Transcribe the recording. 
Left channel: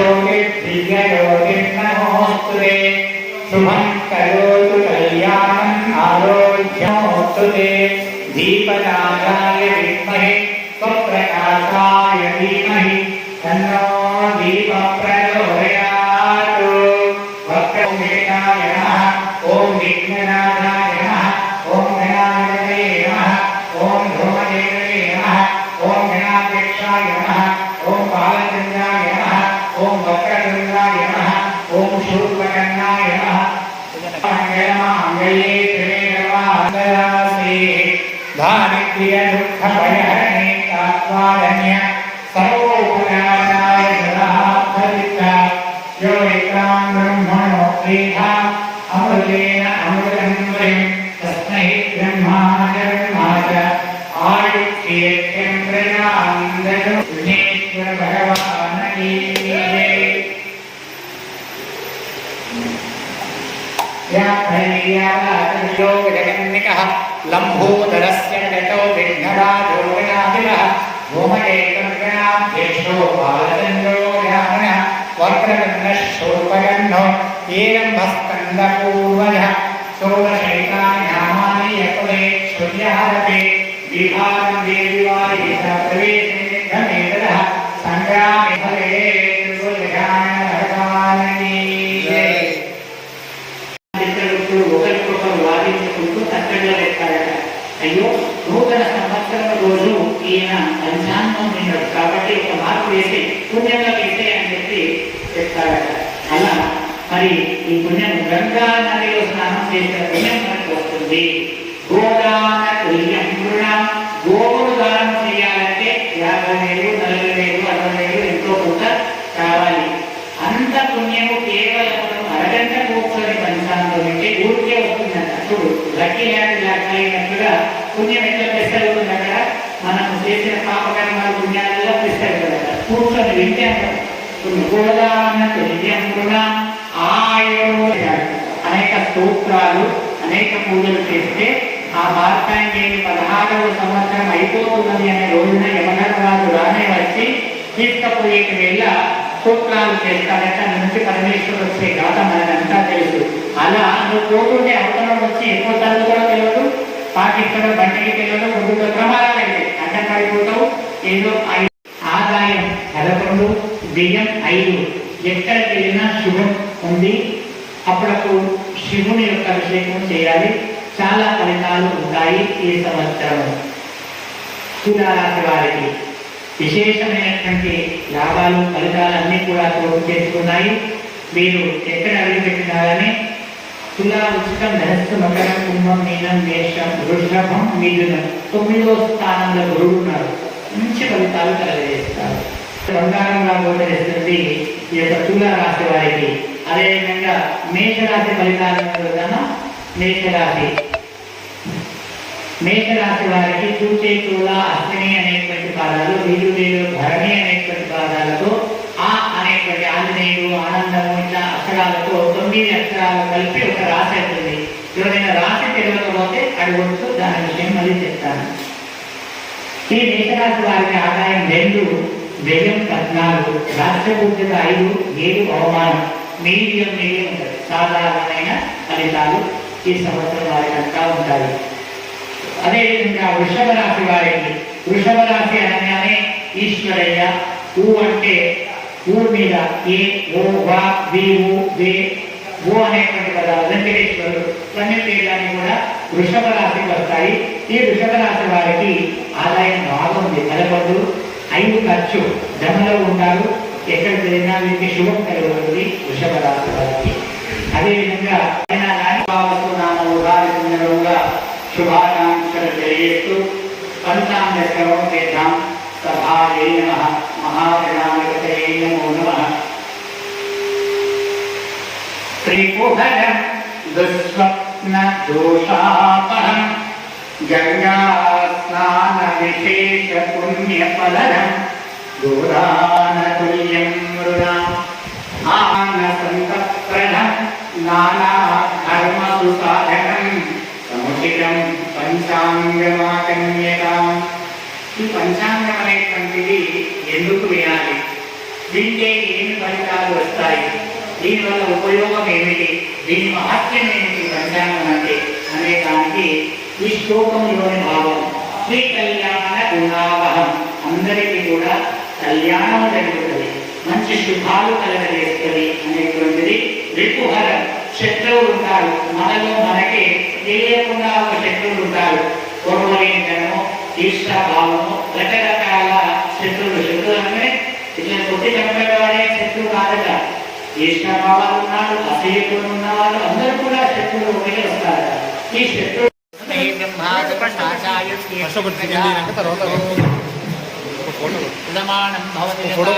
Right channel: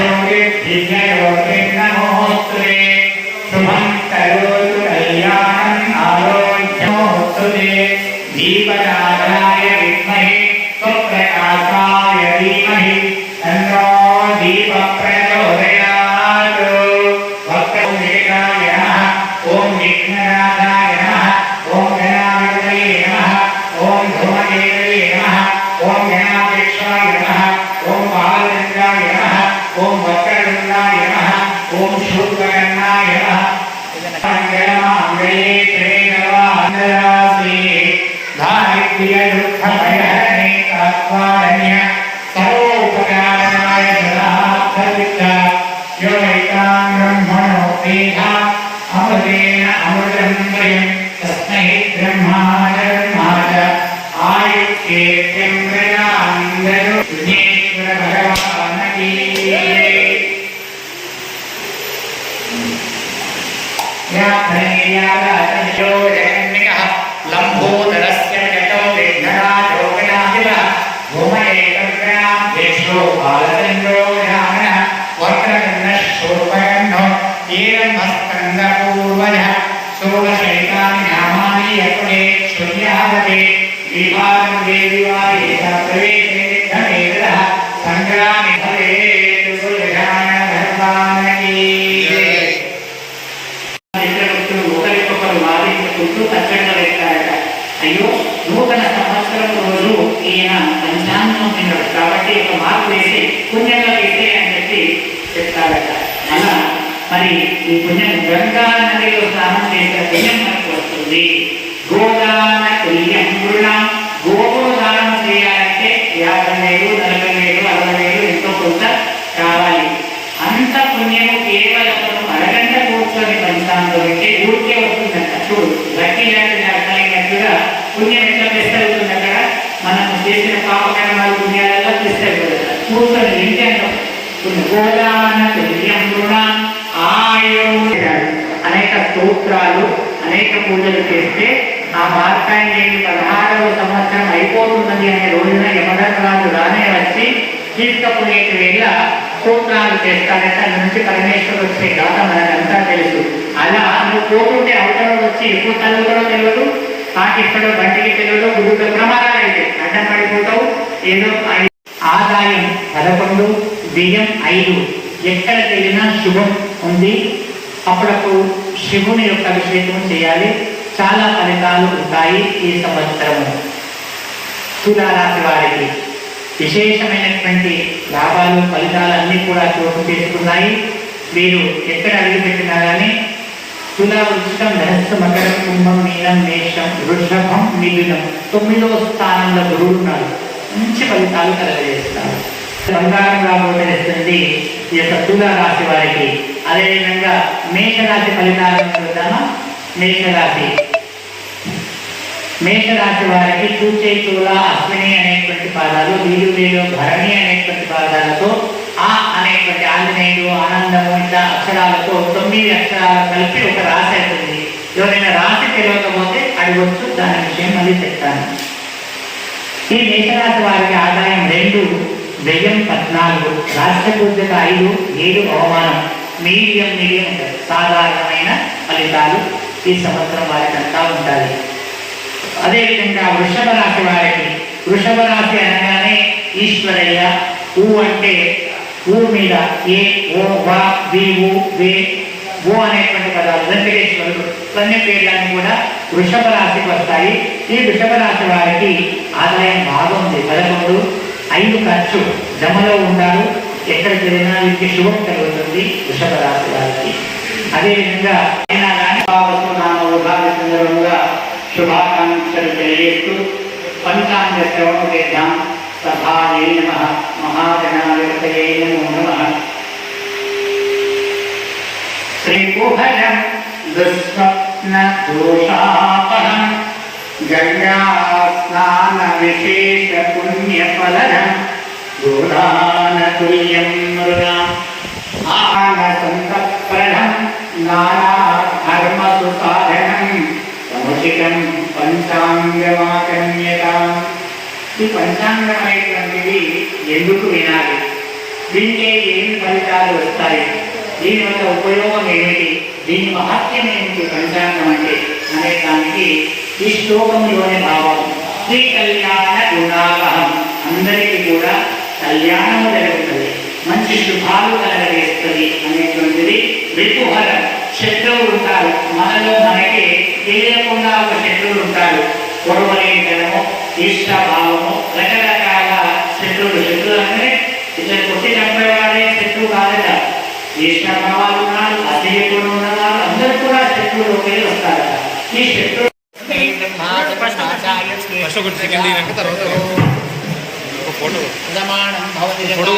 योगे दिव्य योगे नमोस्तुते शुभं करोतु कल्याणम् आरोग्यमोस्तुते दीपनाथाय विद्महे स्वप्रकाशाय धीमहि व्याधनेयादशोरण्यकः लम्भोदरस्य गतो विघ्नराजो गणाभिलः भूमये गङ्गणाभ्येषो बालचन्द्रो जामनः वक्रगन्धः शोकगन्धो एरम्भस्कन्दपूर्वजः सोमशैकान्यामानि यकुले श्रुत्यादपि विभागं देविवायेता प्रवेश అయ్యో నూతన సంవత్సరం రోజు ఈయన పంచాంగం విన్నాడు కాబట్టి ఒక మార్పు వేసి పుణ్యంగా వేస్తే అని చెప్పి చెప్తాడట. అలా మరి ఈ పుణ్యం గంగా నదిలో స్నానం చేసిన పుణ్యం మనకు వస్తుంది. అనేక స్తోత్రాలు అనేక పూజలు చేస్తే ఆ మార్కాండేయుని పదహారవ సంవత్సరం అయిపోతున్నది అనే రోజున యమధర్మరాజు రానే వచ్చి తీసుకపోయేటి వేళ స్తోత్రాలు చేస్తాడట నుంచి పరమేశ్వరుడు వచ్చే గాథ మనకంతా తెలుసు. అలా నువ్వు పోతుంటే అవతలం వచ్చి ఎప్పుడు తలుపులో తెలియదు. పాకిస్తాడు బంటికి తెలియదు. గుడుగుల ప్రమాదాలు అయితే అడ్డం పడిపోతావు. ఏదో ఆదాయం పదకొండు వ్యయం ఐదు. ఎక్కడికి వెళ్ళినా శుభం ఉంది. అప్పుడప్పుడు శివుని యొక్క అభిషేకం చేయాలి. చాలా ఫలితాలు ఉంటాయి ఈ సంవత్సరము. తులారాశి వారికి విశేషమైనటువంటి లాభాలు ఫలితాలు అన్నీ కూడా చోటు చేసుకున్నాయి. మీరు ఎక్కడ అడుగుపెట్టినా కానీ తులా వృక్షం ధనస్సు మకర కుంభం నీలం మేషం వృషభం మిథునం తొమ్మిదవ స్థానంలో గురువున్నారు మంచి ఫలితాలు కలగజేస్తారు. బంగారంగా గోచరిస్తుంది ఈ యొక్క తులా రాశి వారికి. అదేవిధంగా మేషరాశి ఫలితాలను చూద్దామా? మేషరాశి. మేషరాశి వారికి చూచే తూల అశ్విని అనేటువంటి పాదాలు వీలు వీలు భరణి అనేటువంటి పాదాలతో ఆ అనేటువంటి ఆంజనేయుడు ఆనందము ఇట్లా అక్షరాలతో తొమ్మిది అక్షరాలు కలిపి ఒక రాశి అవుతుంది ఎవరైనా రాశి తెలియకపోతే అడగొచ్చు దాని విషయం మళ్ళీ చెప్తాను. ఈ మేషరాశి వారికి ఆదాయం రెండు వ్యయం పద్నాలుగు రాష్ట్ర ఐదు ఏడు అవమానం. మీడియం మీడియం ఉంటుంది. సాధారణమైన ఫలితాలు ఈ సంవత్సరం వారికంతా ఉంటాయి. అదేవిధంగా వృషభ రాశి వారికి వృషభ రాశి అనగానే ఈశ్వరయ్య ఊ అంటే ఊ మీద ఏ ఓ వా వి ఊ వే ఓ అనేటువంటి పదాలు వెంకటేశ్వరుడు ఇవన్నీ పేర్లన్నీ కూడా వృషభ రాశికి వస్తాయి. ఈ వృషభ రాశి వారికి ఆదాయం బాగుంది. పదకొండు ఐదు ఖర్చు జమలో ఉంటారు ఎక్కడికి వెళ్ళినా వీరికి శుభం కలుగుతుంది వృషభ రాశి వారికి. అదేవిధంగా అయినా కానీ బాబు నామ ఉగాది సందర్భంగా శుభాకాంక్షలు తెలియజేస్తూ ఫలితాంగ శ్రవం చేద్దాం. సభాయే నమ. మహాగణాధిపతయే నమో నమ. శ్రీకుహరం దుస్వప్న దోషాపహం. గంగా స్నాన విశేష పుణ్యఫలరం దూరానతుల్యం మృణం ఆనసంతప్రణం సాధనం సముచితం పంచాంగమాకన్యతాం ఈ పంచాంగమైనటువంటిది ఎందుకు వినాలి? వింటే ఏమి ఫలితాలు వస్తాయి? దీనివల్ల ఉపయోగం ఏమిటి? దీని మహత్యం ఏమిటి? పంచాంగం అంటే అనే దానికి ఈ శ్లోకంలోని భావం శ్రీ కళ్యాణ గుణావహం అందరికీ కూడా కళ్యాణం జరుగుతుంది. మంచి శుభాలు కలగజేస్తుంది అనేటువంటిది రిపుహరం శత్రువులు ఉంటారు. మనలో మనకి తెలియకుండా ఒక శత్రువులు ఉంటారు. గొడవలేనితనము భావము రకరకాల శత్రువులు. శత్రువులు అంటే ఇట్లా కొట్టి చంపేవాడే శత్రువు కాదట ఇష్టభావాలు ఉన్నారు అసహ్యకులు ఉన్నవారు అందరూ కూడా శత్రువులోకి వస్తారు ఈ శత్రువు ఫస్ట్